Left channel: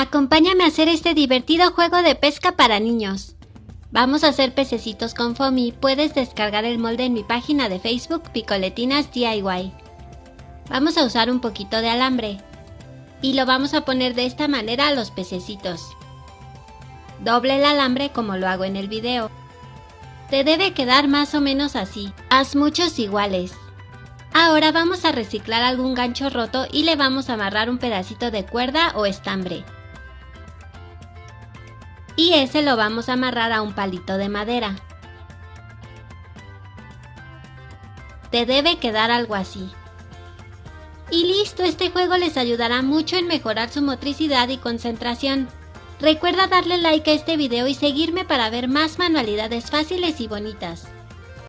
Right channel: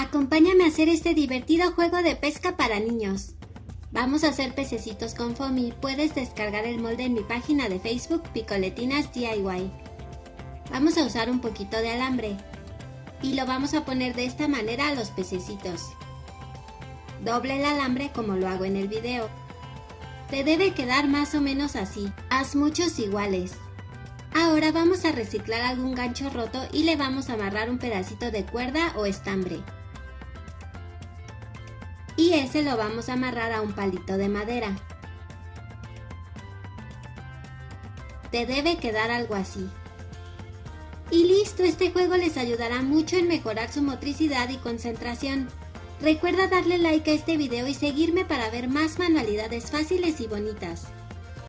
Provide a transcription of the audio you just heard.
Acompáñame a hacer este divertido juego de pesca para niños. Vamos a hacer pececitos con foamy. Puedes descargar el molde en mi página de Facebook Picoletinas DIY. Vamos a usar un poquito de alambre y lo vamos a poner de esta manera a los pececitos. Doble el alambre como lo hago en el video. Te debe quedar más o menos así. Haz muchos iguales. Ahora vamos a reciclar algún gancho roto y le vamos a amarrar un pedacito de cuerda o estambre. Y ese lo vamos a amarrar a un palito de madera. Te debe quedar algo así. Y listo, este juego les ayudará mucho en mejorar su motricidad y concentración. Recuerda darle like a este video y seguirme para ver más manualidades fáciles y bonitas.